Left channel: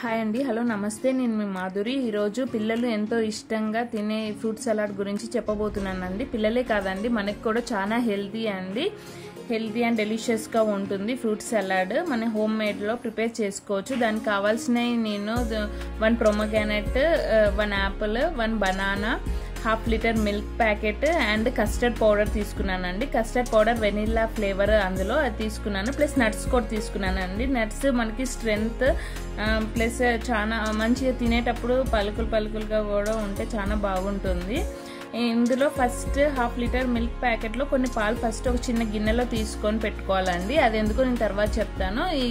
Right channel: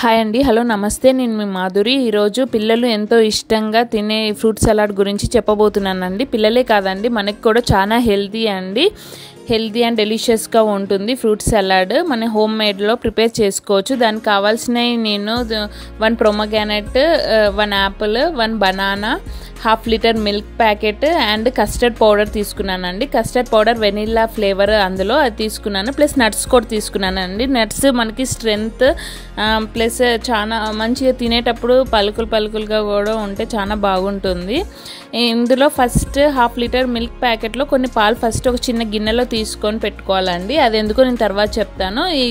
Hi అండి, hello నమస్తే. నేను మీ మాధురి. ఈరోజు పిల్లలు ఎంతో ఇష్టంగా తినే ఫ్రూట్ సలాడ్ గురించి చెప్పబోతున్నానండి. పిల్లలే కాదండి, మనకి కూడా చాలా హెల్తీ అండ్ డెలిషియస్గా ఉంటుంది ఫ్రూట్ సలాడ్. మన హోమ్ మేడ్లో ప్రిపేర్ చేసుకోవచ్చు. దానికి కావాల్సినవి నేను 1 pomegranate, 1 Apple, 1 banana, 1/2 litre milk packet and custard powder తీసుకున్నానండి. కస్టర్డ్ పౌడర్ వెనిల్లా ఫ్లేవర్ అందులో అది తీసుకున్నాను. ప్లస్ నట్స్ కూడా తీసుకున్నానండి. నట్స్ మనకి స్ట్రెంగ్త్ ప్లస్ చాలా మంచిగా తినేటప్పుడు పలుకులుగా కూడా ఉంటే చాలా బాగుంటుంది. ఇందులో ఫస్ట్ 1/2 లీటర్ మిల్క్ ప్యాకెట్లో కొన్ని పాలు ఫస్ట్ ఒక చిన్న గిన్నెలో తీసుకొని పెట్టుకోవాలండి. అది ఎందుకో నేను తర్వాత చెప్తాను. ఈ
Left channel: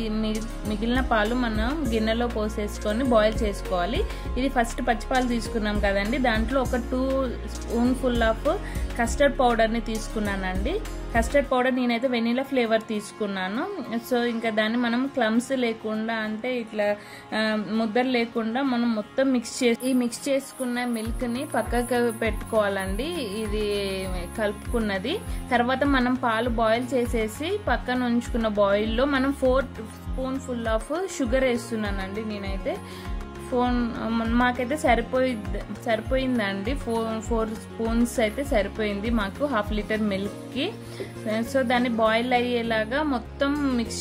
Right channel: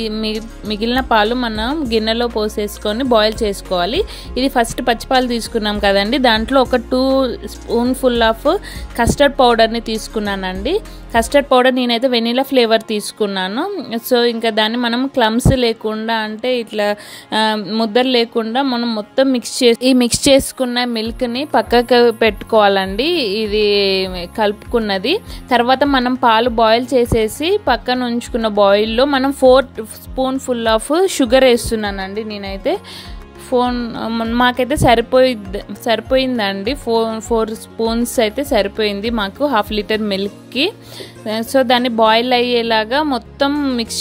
మిగిలిన పాలు మనం గిన్నెలో పోసేసుకొని బాయిల్ చేసుకోవాలి. ఇది ఫస్ట్ పచ్చిపాలు తీసుకున్నాం కదండి, దాంట్లో ఒక 2 స్పూన్ఫుల్ ఆఫ్ కస్టర్డ్ పౌడర్ని తీసుకున్నానండి. కస్టర్డ్ పౌడర్ నేనైతే వెనీలా ఫ్లేవర్ తీసుకున్నాను. సో ఇంకా దాన్ని మనం క్లమ్స్ లేకుండా, అంటే ఇట్లా ముద్దలు లేకుండా మనం మొత్తం మిక్స్ చేసుకున్న మిల్క్ని పక్కకు పెట్టుకోవాలండి. ఇది కలుపుకున్నది తర్వాత మనం పాలు బాయిల్ చేసేసి పక్కన ఉంచుకున్న బాయిల్లో మనం 4 స్పూన్ఫుల్ ఆఫ్ షుగర్ వేస్తున్నానండి. నేనైతే మాకైతే సరిపోయిందండి. 4 స్పూన్స్ అయితే సరిపోయింది మాకు 1/2 లీటర్ మిల్క్కి. సో దాన్ని బాయిల్ అయ్యేలాగా మొత్తం మిక్స్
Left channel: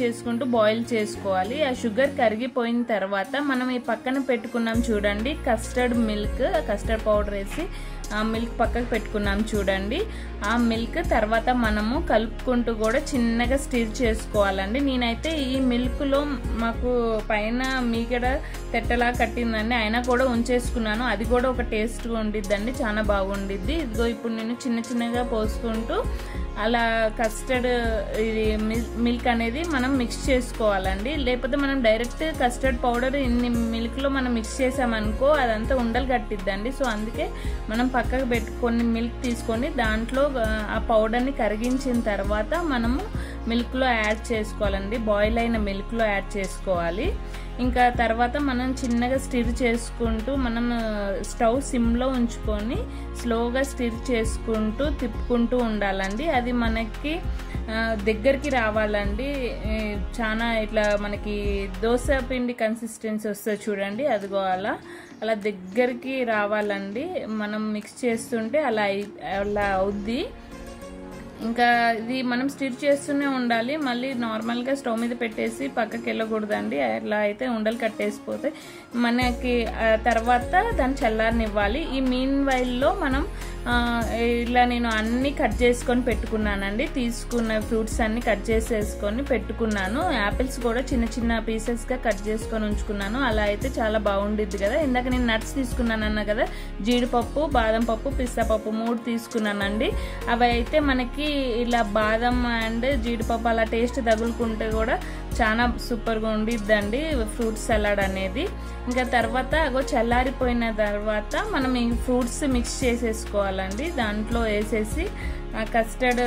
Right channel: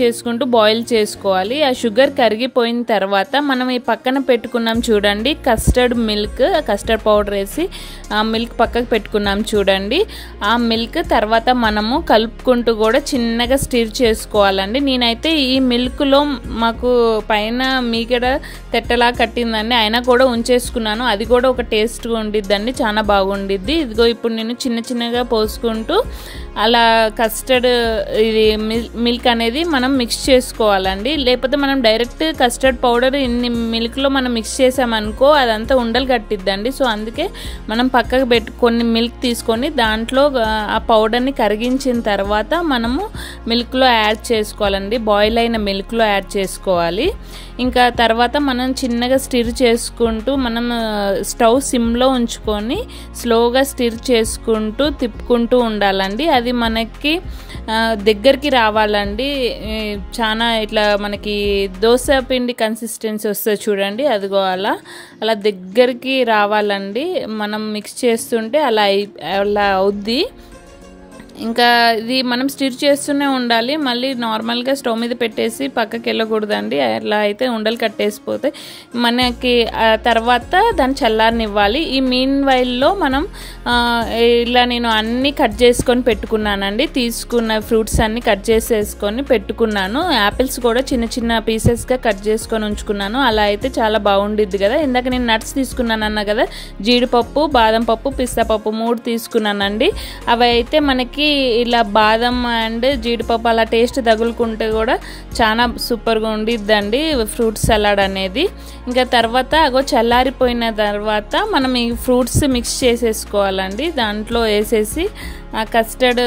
చేసుకుంటూ బాయిల్ చేసుకోవాలి. ఆ షుగర్ కరిగిపోయిన తర్వాత మనం ఈ పక్కన పెట్టుకున్నాం చూడండి కస్టర్డ్ పౌడర్ వేసి ఆ మిల్క్ పక్కకు పెట్టుకున్నాం చూడండి. ఆ మిల్క్ తర్వాత మనము కలుపుకుంటూ కూడా చిన్నగా స్టిర్ చేసుకోవాలండి. నేనైతే ఈ మిల్క్లో మాకు పైన మీగడ తెట్టలా కట్టిందండి, అయినా కూడా ఉంచేసుకున్నాను. అది కూడా ఒక టేస్ట్గా ఉండిద్దండి, చాలా బాగుండిద్ది. ఇదిగో ఇప్పుడు నేను చిన్నగా పోసుకుంటూ అలా కస్టర్డ్ ఇది మిల్క్ అనేది మనం మిక్స్ చేసుకోవాలండి. లేకపోతే మనం డైరెక్ట్ కస్టర్డ్ పౌడర్ ఇన్ని మిల్క్లో మనం మిక్స్ చేసామనుకో అదంతా ఉండలు కట్టిద్దండి. సో అందుకే మనం పక్కకు కొన్ని మిల్క్ తీసుకొని దాంట్లో ఆ పౌడర్ని కరిగించిన తర్వాత మనము మిల్క్లో యాడ్ చేసుకోవాలండి. బాయిల్ అయిన మిల్క్లో యాడ్ చేసుకోవాలి. ఇంకా తర్వాత మనం చిన్నగా స్టిర్ చేసుకుంటూ మనం స్టవ్ సిమ్లో ఉంచుకొని స్లోగా స్టిర్ చేసుకుంటూ తిప్పుకుంటూ ఉండాలండి. అది మనకి దగ్గరికి రావాలండి. చాలా ఇట్లా మనకి దోశ పిండి కన్సిస్టెన్సీ వస్తుంది చూడండి, అదిగో అలా దగ్గరికి రావాలండి. మనం మిక్స్ చేస్తుంటే అలా అవుద్ది. ఇంకా ఇది మనం స్టిర్ చేస్తూనే ఉండాలి. మళ్ళీ నార్మల్గా స్టవ్ మీద పెట్టేసి పక్కకి వెళ్ళకూడదండి. అలా అయితే ఉండలు కట్టేసిపోతాయి మనకి. తర్వాత దాన్ని చల్లారనివ్వాలి. ఈ మీన్ వైల్లో మనం ఇలా నేను అన్నీ కట్ చేసుకొని పెట్టుకున్నానండి. తీసుకున్న ఫ్రూట్స్ అన్నీ కట్ చేసేసుకొని పెట్టుకున్నాను. యాపిల్స్ కూడా చిన్న పీసెస్గా కట్ చేసుకొని ఉంచుకున్నాను. అలా అయితే చాలా బాగుండిద్ది కదా. ఇందాక నేను నట్స్ తీసుకున్నాను అన్నా కదా, జీడిపప్పు, బాదం పప్పు, పిస్తా పప్పు 3 తీసుకున్నానండి. అవి అయితే మనకి ఇలా బాదం అండ్ జీడిపప్పు అలా టేస్ట్ తగులుకుంటే కూడా చాలా సూపర్గా ఉండిద్దండి ఫ్రూట్ సలాడ్ అనేది. ఇంకా తర్వాత చల్లారిపోయిన తర్వాత మనం ఈ ఫ్రూట్స్ మిక్స్ చేసేసుకోవాలండి. దాంట్లో వేసేసి ఆ కస్టర్డ్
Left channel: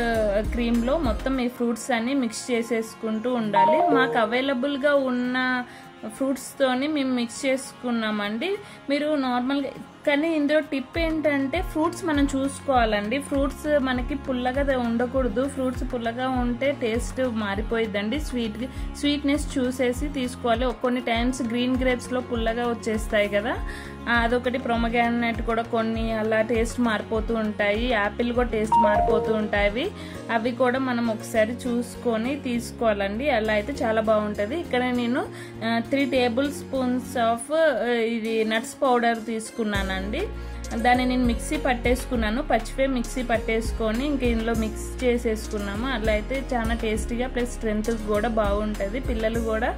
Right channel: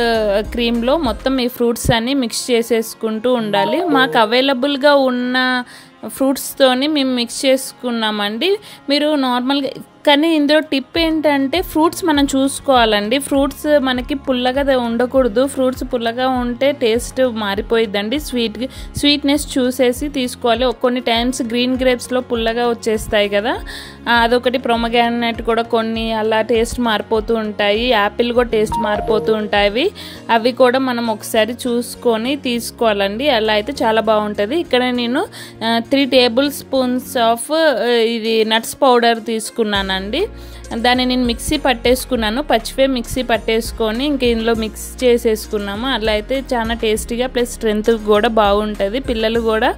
క్రీమ్లో మొత్తం ఈ ఫ్రూట్స్ అన్నీ మిక్స్ చేసేసుకుంటూ ఉండాలి. మాకు అవైలబుల్గా ఉన్న ఫ్రూట్స్తోని మేము మిక్స్ చేసుకున్నామండి. మీరు నార్మల్గా కానీ ఇందులో టిప్ ఏంటంటే ఫ్రూట్స్ మనం చూసుకోవాలండి. ఫ్రూట్స్ మనకి పుల్లగా ఉండకూడదు. ఫ్రూట్స్ పుల్లగా ఉంటే టేస్ట్ మారిపోయిద్దండి. స్వీట్నెస్ చూసేసి తీసుకోవాలి. కొన్ని టైమ్స్ గ్రీన్ గ్రేప్స్లో పుల్లగా వచ్చేస్తాయి కదా, అదొకటి. పొమగ్రానేట్ కూడా కొన్ని అలా టేస్ట్ మారిపోతూ ఉంటాయి. యాపిల్ కూడా టేస్ట్ మారిపోతూ ఉంటాయి. అవి కూడా మనం ఒకసారి చూసుకొని తీసుకోవాలండి. అలా అయితే చాలా బాగుంటుంది. ఇక్కడ నేను 3 టేబుల్ స్పూన్స్ ఆఫ్ ఇది నట్స్ పౌడర్ తీసుకున్నానండి. దాన్ని నేను మిక్సీ పట్టేసుకున్నాను. పచ్చివే మిక్సీ పట్టేసుకొని ఇంక ఇందులో మిక్స్ చేసేసుకున్నాము. అలా అయితే చాలా టేస్టీగా ప్లస్ స్ట్రెంత్ కూడా బాగుంటుంది. పిల్లలు కూడా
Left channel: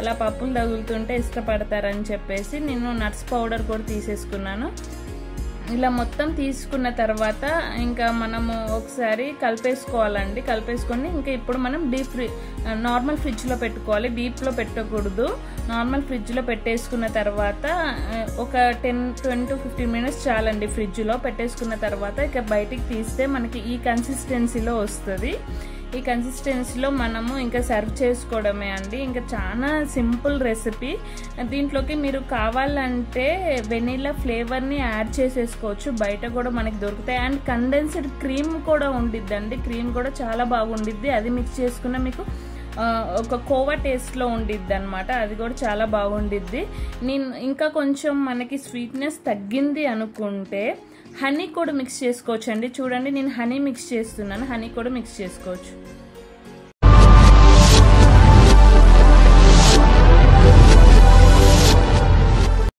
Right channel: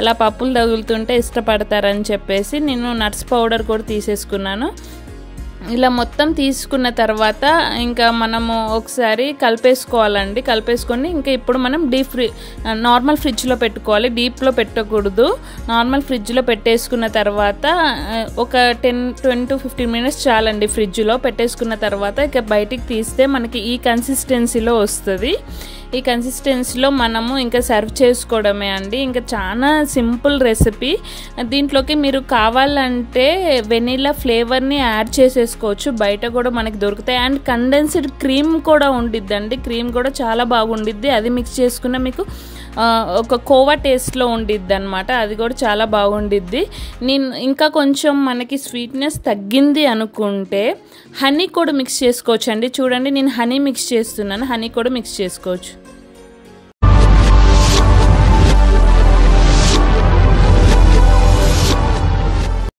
అలా పప్పులు తగులుతుంటే ఇష్టపడతారని చెప్పేసి నేను నట్స్ పౌడర్ కూడా తీసేసుకున్నాను. ఇలా మొత్తం తీసుకున్న తర్వాత ఇంకా మనము ఒకసారి కలిపేసుకోవాలండి. కలిపేసుకొని ఇంకా ఇప్పుడు మనం నార్మల్ ఫ్రిడ్జ్లో పెట్టుకోవాలి. డీప్లో పెట్టకూడదు. నార్మల్ ఫ్రిడ్జ్లో పెట్టేసుకున్న తర్వాత ఒక 10 to 15 మినిట్స్ చాలండి. ఫ్రిడ్జ్లో పెట్టేసుకున్న తర్వాత ఇక బయటికి తీస్తే మనకి ఈ కన్సిస్టెన్సీలో వస్తుంది. ఈ కన్సిస్టెన్సీలో మనము ఇంకా సర్వ్ చేసుకోవడమే అండి. ఇంకా చాలా సింపుల్ రెసిపీ. దీంట్లోకి మీరు కావాలంటే వెనీలా ఫ్లేవర్ని యాడ్ చేసేసుకోవచ్చు. బయట కూడా మనకి దొరుకుతాయి. అండ్ కండెన్స్డ్ క్రీమ్ కూడా ఉండిద్దండి. క్రీమ్ కూడా చాలా బాగుండిద్ది. అది మిక్స్ చేసుకున్న మీకు ఒక కోవా టేస్ట్లో ఉండిద్ది అనమాట. అది కూడా చాలా బాగుండిద్ది. నేను ఇంకా కొంచెం మనకి స్వీట్నెస్ తగ్గింది అనుకుంటే హనీ కూడా మిక్స్ చేసుకోవచ్చు అండి. చూడండి నేను హనీ మిక్స్ చేస్తున్నాను, హనీ కూడా మిక్స్ చేసుకోవచ్చు.